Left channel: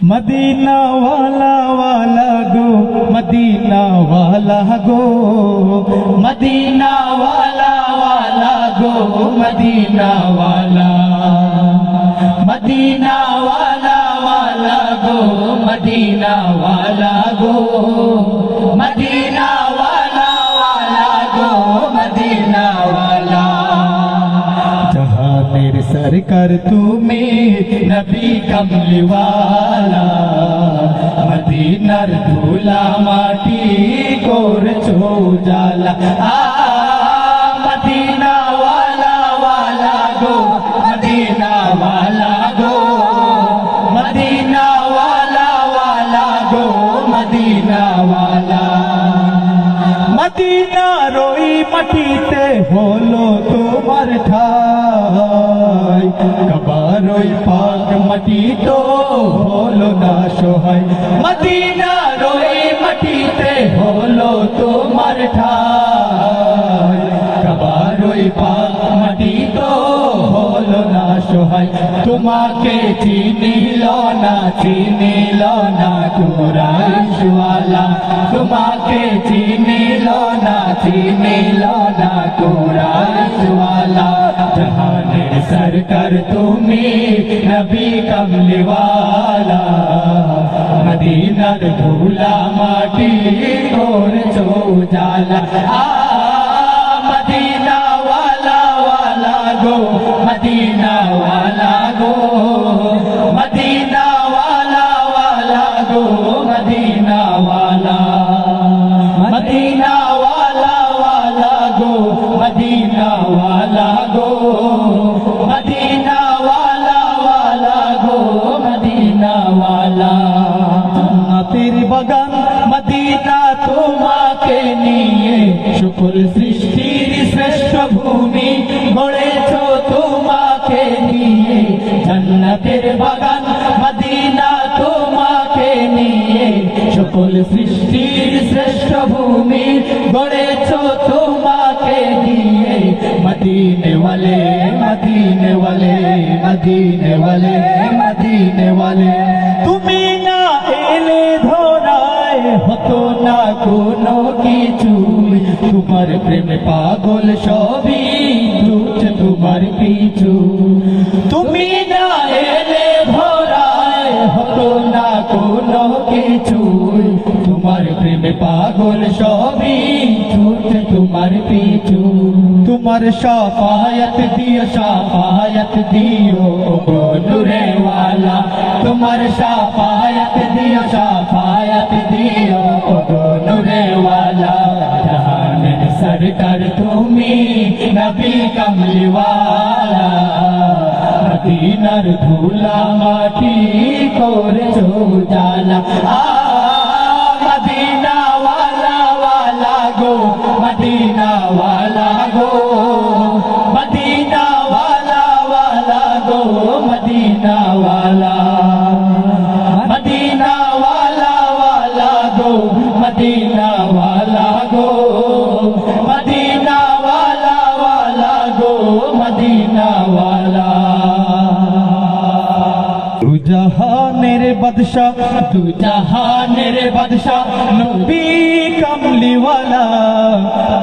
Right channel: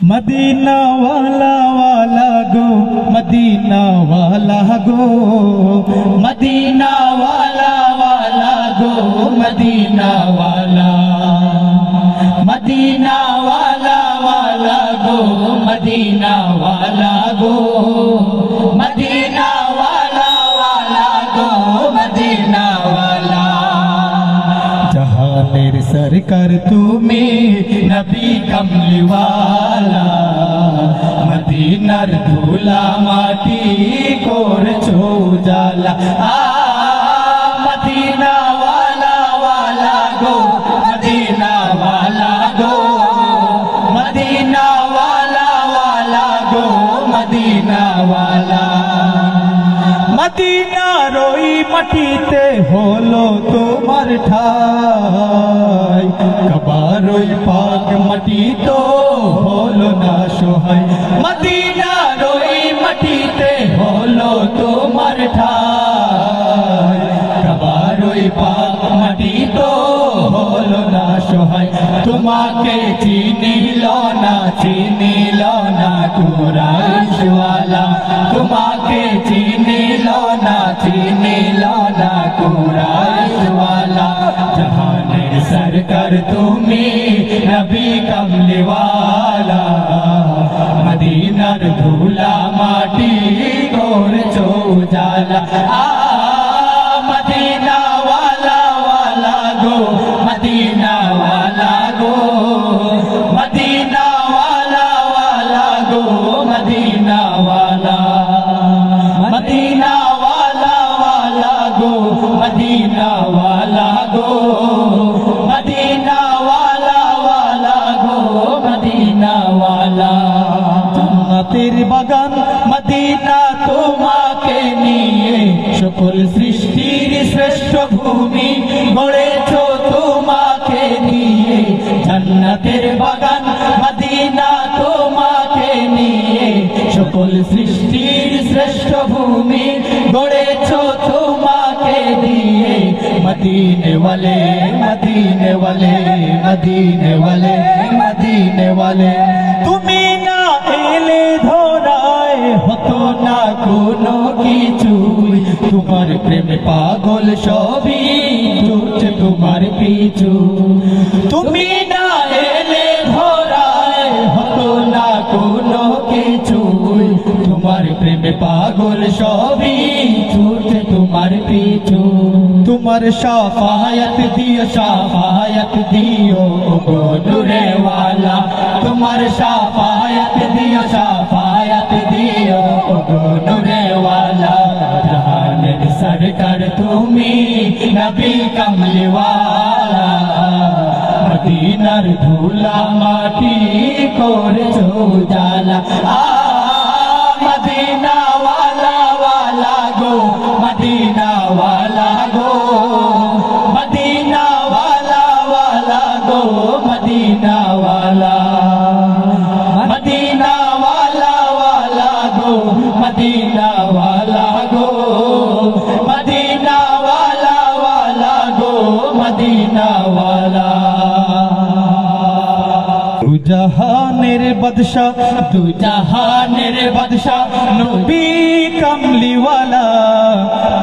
Medina वाला वाला गो, Medina वाला गो, मदीना वाला वाला गो, मदीना वाला, मदीना वाला वाला गो, मदीना वाला गो, मदीना वाला वाला गो, मदीना वाला। जहानेर सरकार तुम्हें नबी कमली वाला, मदीनार धूला माटी कोरछो जाला। मदीना वाला वाला गो, मदीना वाला गो, मदीना वाला वाला गो, मदीना वाला। मदीना रोई मटीते होलो तुम्हार ठाई, कबारोई पाक मटी तो होलो ना सोहाय। मदीना रोई मटीते होलो तुम्हार ठाई, कबारोई पाक मटी तो होलो ना सोहाय। तुम्हाके चिनिलो ना कुराइश वाला, तुम्हाके चिनिलो ना कुराइश वाला। जहानेर सरकार तुम्हें नबी कमली वाला, मदीनार धूला माटी कोरछो जाला। मदीना वाला वाला गो, मदीना वाला गो, मदीना वाला वाला गो, मदीना वाला, मदीना वाला वाला गो, मदीना वाला गो, मदीना वाला वाला गो, मदीना वाला। जन्नतेर बागान मदीना তোমাকে নিয়ে, সকল সৃষ্টির শ্রেষ্ঠ ভূমি গড়েছো তোমাকে নিয়ে। জান্নাতের বাগান মদিনা তোমাকে নিয়ে, সকল সৃষ্টির শ্রেষ্ঠ ভূমি গড়েছো তোমাকে দিয়ে। মদিনে ওয়ালে, মদিনে ওয়ালে, মদিনে ওয়ালে, মদিনে ওয়ালে। তুমি না এলে ধরায় হতো না কোনো কিছুই, তোমার প্রেমে পাগল সবই ছুটছে তোমার পিছু। তুমি না এলে ধরায় হতো না কোনো কিছুই, তোমার প্রেমে পাগল সবই ছুটছে তোমার পিছু। তোমার শাফায়াত দিও গো নূরে ওয়ালা, তোমার শাফায়াত দিও গো নূরে ওয়ালা। জাহানের सरकार तुम्हें नबी कमली वाला, मदीनार धूला माटी कोरछो जाला। मदीना वाला वाला गो, मदीना वाला गो, मदीना वाला वाला गो, मदीना वाला, मदीना वाला वाला गो, मदीना वाला गो, मदीना वाला वाला गो, मदीना वाला। दू जहानेर बादशाह, दू जहानेर बादशाह नबी कमली वाला,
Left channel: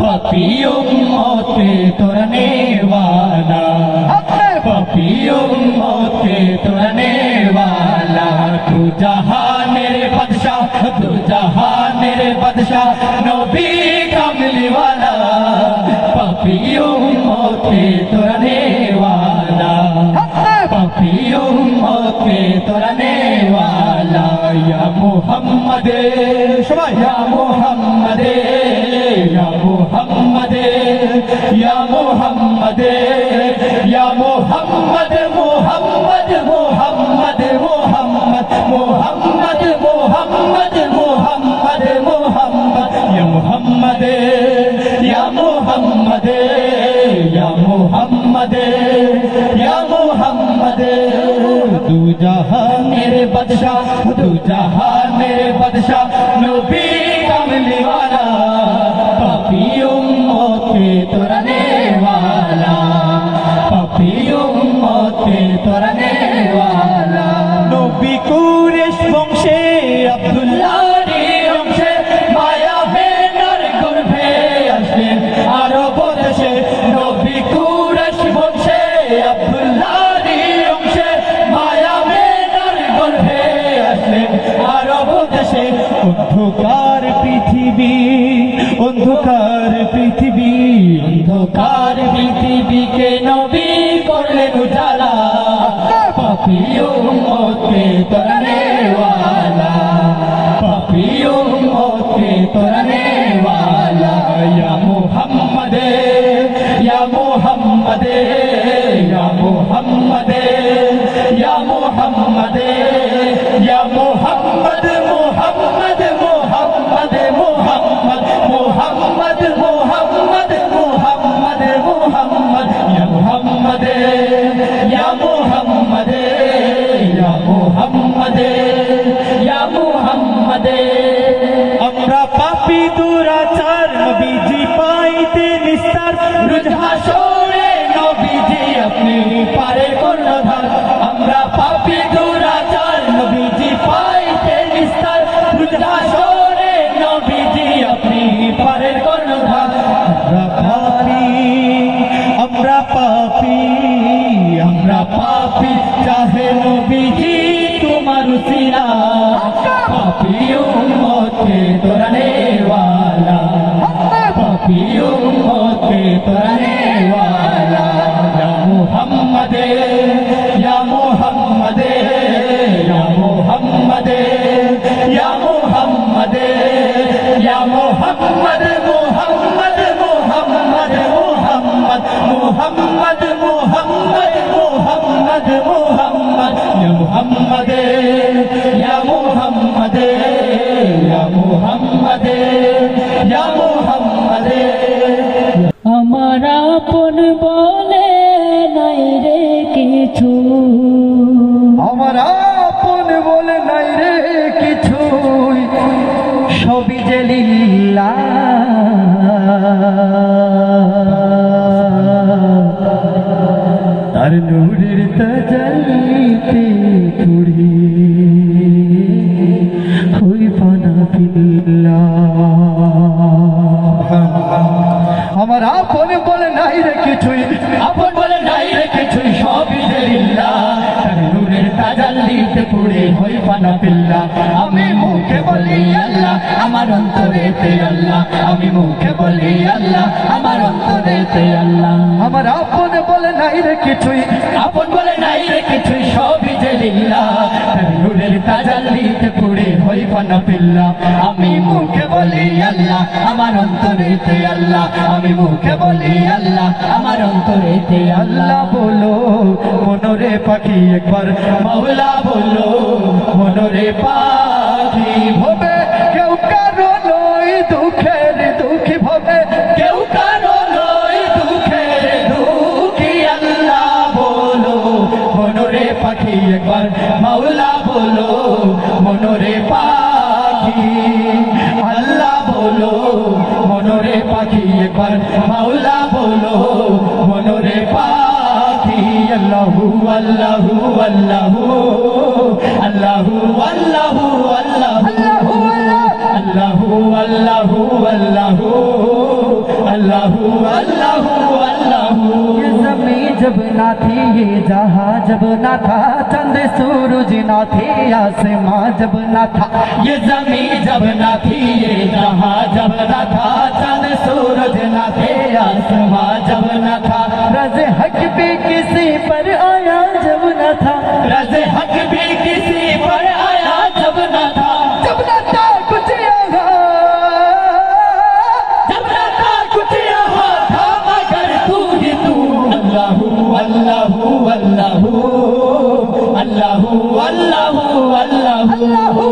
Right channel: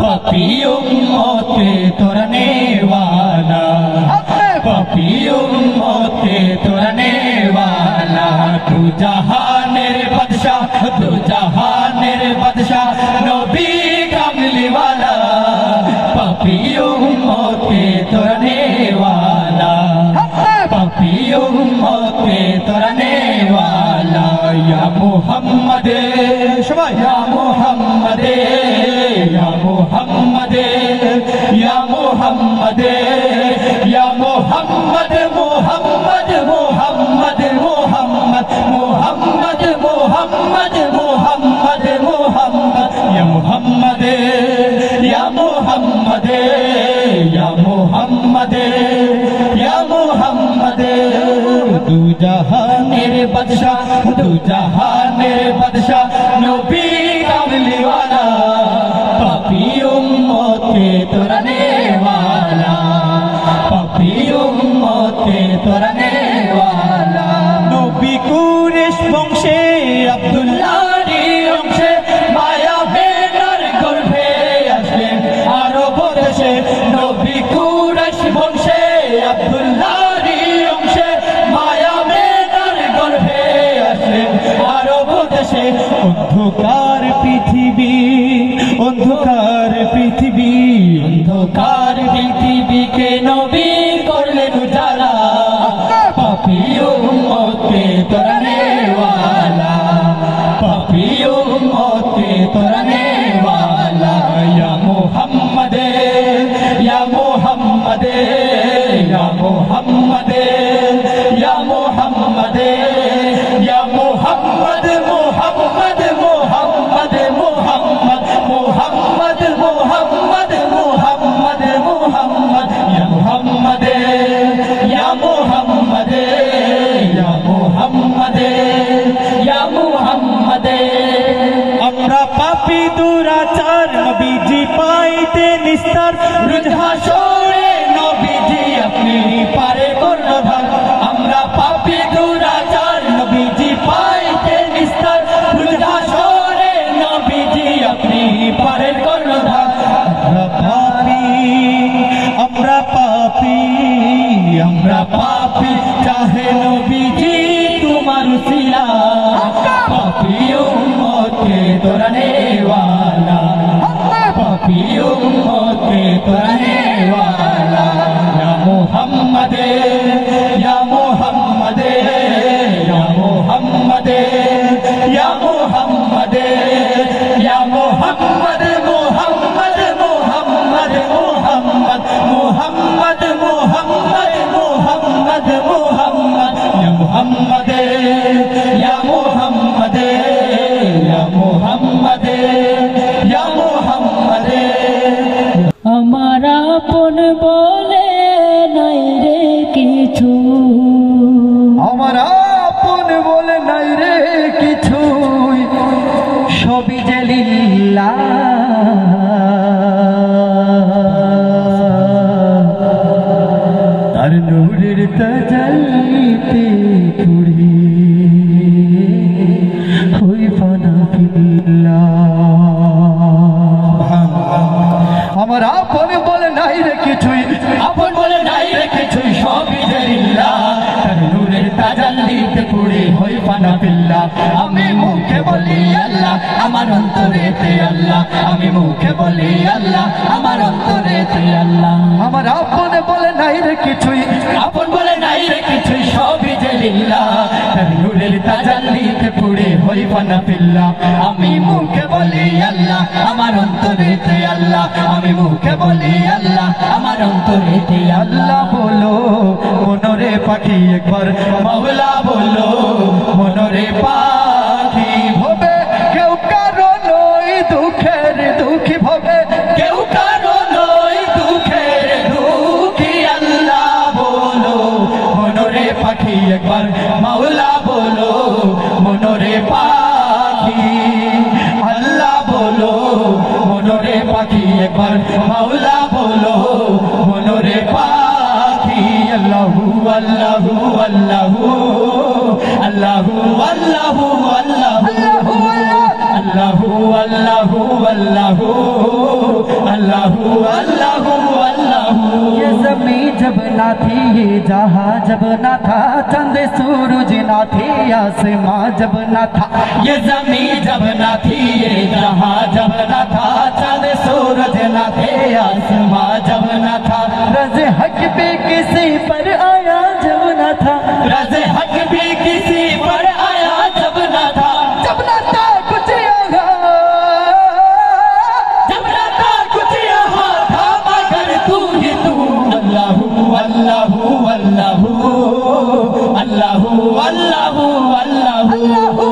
पापी उम्मत पे तोड़ने वाला, पापी उम्मत पे तोड़ने वाला। दू जहानेर बादशाह, दू जहानेर बादशाह नबी कमली वाला, पापी उम्मत पे तोड़ने वाला, पापी उम्मत पे तोड़ने वाला। या मुहम्मद या मुहम्मद या मुहम्मद या मुहम्मद या मुहम्मद मुहम्मद मुहम्मद मुहम्मद मुहम्मद मुहम्मद मुहम्मद मुहम्मद या मुहम्मद या मुहम्मद या मुहम्मद या मुहम्मद। दू जहानेर बादशाह, दू जहानेर बादशाह नबी कमली वाला, पापी उम्मत पे तोड़ने वाला, पापी उम्मत पे तोड़ने वाला। नबी कुरैश मोहम्मद मोहम्मद मोहम्मद मोहम्मद मोहम्मद मोहम्मद मोहम्मद मोहम्मद या मोहम्मद या मोहम्मद या मोहम्मद या मोहम्मद আমরা পাপী দুরাচার নবীজি পাইতে নিস্তার রোজ হাসরে নবীজি আপনি পারে কর্ণধার আমরা পাপী দুরাচার নবীজি পাইতে নিস্তার রোজ হাসরে নবীজি আপনি পারে কর্ণধার আমরা পাপী আমরা পাপী চাহে নবীজি তোমার উসিলা পাপী উম্মত के तोड़ने वाला पापी उम्मत के तोड़ने वाला या मोहम्मद या मोहम्मद या मोहम्मद या मोहम्मद या मोहम्मद मोहम्मद मोहम्मद मोहम्मद मोहम्मद मोहम्मद मोहम्मद मोहम्मद या मोहम्मद या मोहम्मद या मोहम्मद या मोहम्मद हमारा पुन बोले नहीं रे किछु हमारा पुन बोले नहीं रे किछु सभी जे लिल्ला तार नूरेर ताजालिते पुरी আমার আপন বলে নাই রে কিছুই আপন বলে নাই রে কিছুই সবই লিল্লাহ তার নূরের তাজাল্লিতে পুড়ে হই ফানা ফিল্লাহ আমি মুখে বলি আল্লাহ আমার অন্তরেতে আল্লাহ আমি মুখে বলি আল্লাহ আমার অন্তরেতে আল্লাহ আমার আপন বলে নাই রে কিছুই আপন বলে নাই রে কিছুই সবই লিল্লাহ তার নূরের তাজাল্লিতে পুড়ে হই ফানা ফিল্লাহ আমি মুখে বলি আল্লাহ আমার অন্তরেতে আল্লাহ আমি মুখে বলি আল্লাহ আমার অন্তরেতে আল্লাহ বলো মনরে পাখি একবার মাওলা বলো মনরে পাখি ভবে কেউ কারো নয় দুঃখের দুঃখী ভবে কেউ কারো নয় দুঃখের দুঃখী আল্লাহ বলো মনরে পাখি একবার মাওলা বলো মনরে পাখি আল্লাহ বলো মনরে পাখি একবার মাওলা বলো মনরে পাখি আল্লাহু আল্লাহু আল্লাহু আল্লাহু আল্লাহু আল্লাহু আল্লাহু আল্লাহু अल्लाहु अल्लाहु अल्लाहु ये ज़मीं जब ना थी ये जहां जब ना था चंद सूरज ना थे आसमां जब ना था ये ज़मीं जब ना थी ये जहां जब ना था चंद सूरज ना थे आसमां जब ना था रज़ हक भी किसी पर आया जब ना था रज़ हक भी किसी पर आया जब ना था कुछ अल्लाहु अल्लाहु अल्लाहु अल्लाहु अल्लाहु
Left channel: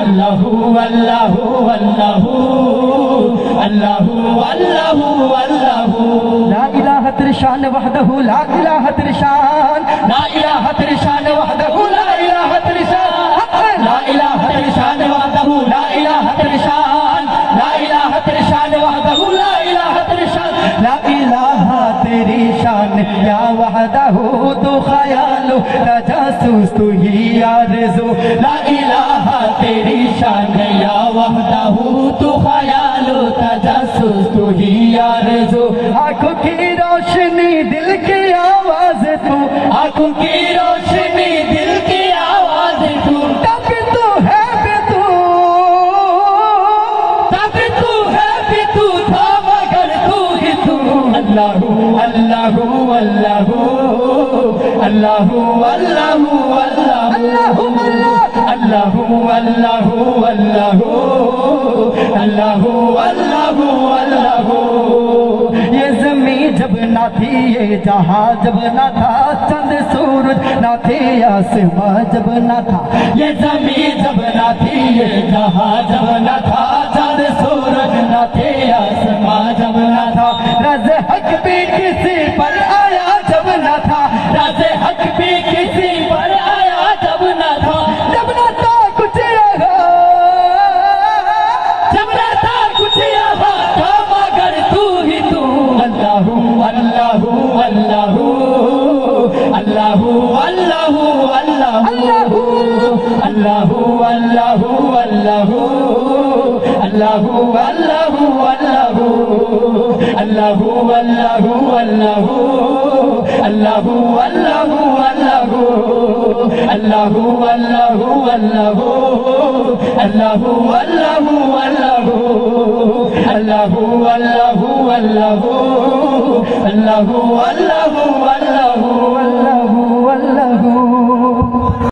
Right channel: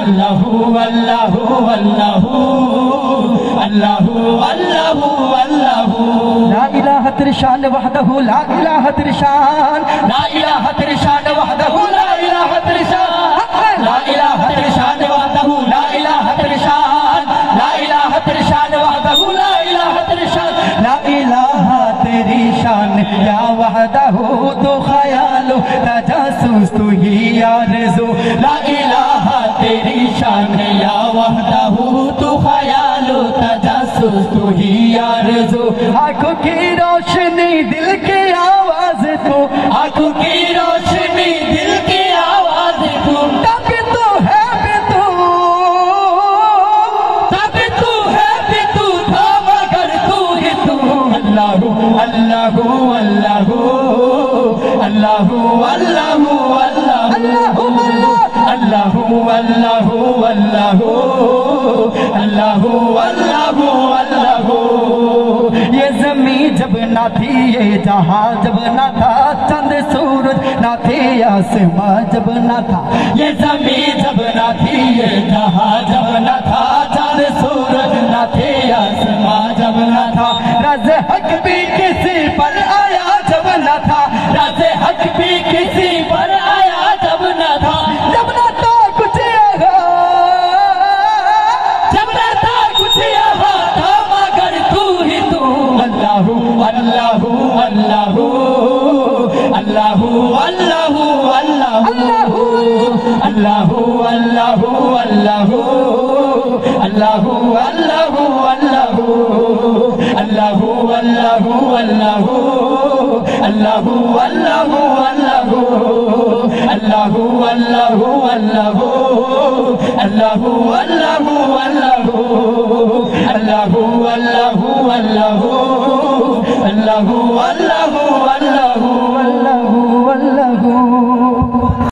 अल्लाहु अल्लाहु अल्लाहु अल्लाहु अल्लाहु अल्लाहु ला इलाहा तिरशान वहदहु ला इलाहा तिरशान ला इलाहा तिरशान वहदहु ला इलाहा तिरशान ला इलाहा तिरशान वहदहु ला इलाहा तिरशान ला इलाहा तिरशान वहदहु ला इलाहा तिरशान ला इलाहा तेरी शान या वहदहु तो ख्यालो तजासुस तू ही आरज़ू ला इलाहा तेरी शान या वहदहु तो ख्यालो तजासुस तू ही आरज़ू आंखों की रोशनी दिल की आवाज तू आंखों की रोशनी दिल की आवाज तू तब तू है भी तू था मगर तू ही तू अल्लाहु अल्लाहु अल्लाहु अल्लाहु अल्लाहु अल्लाहु अल्लाहु अल्लाहु अल्लाहु अल्लाहु अल्लाहु ये ज़मीं जब ना थी ये जहां जब ना था चंद सूरज ना थे आसमां जब ना था ये ज़मीं जब আল্লাহু আল্লাহু আল্লাহু আল্লাহু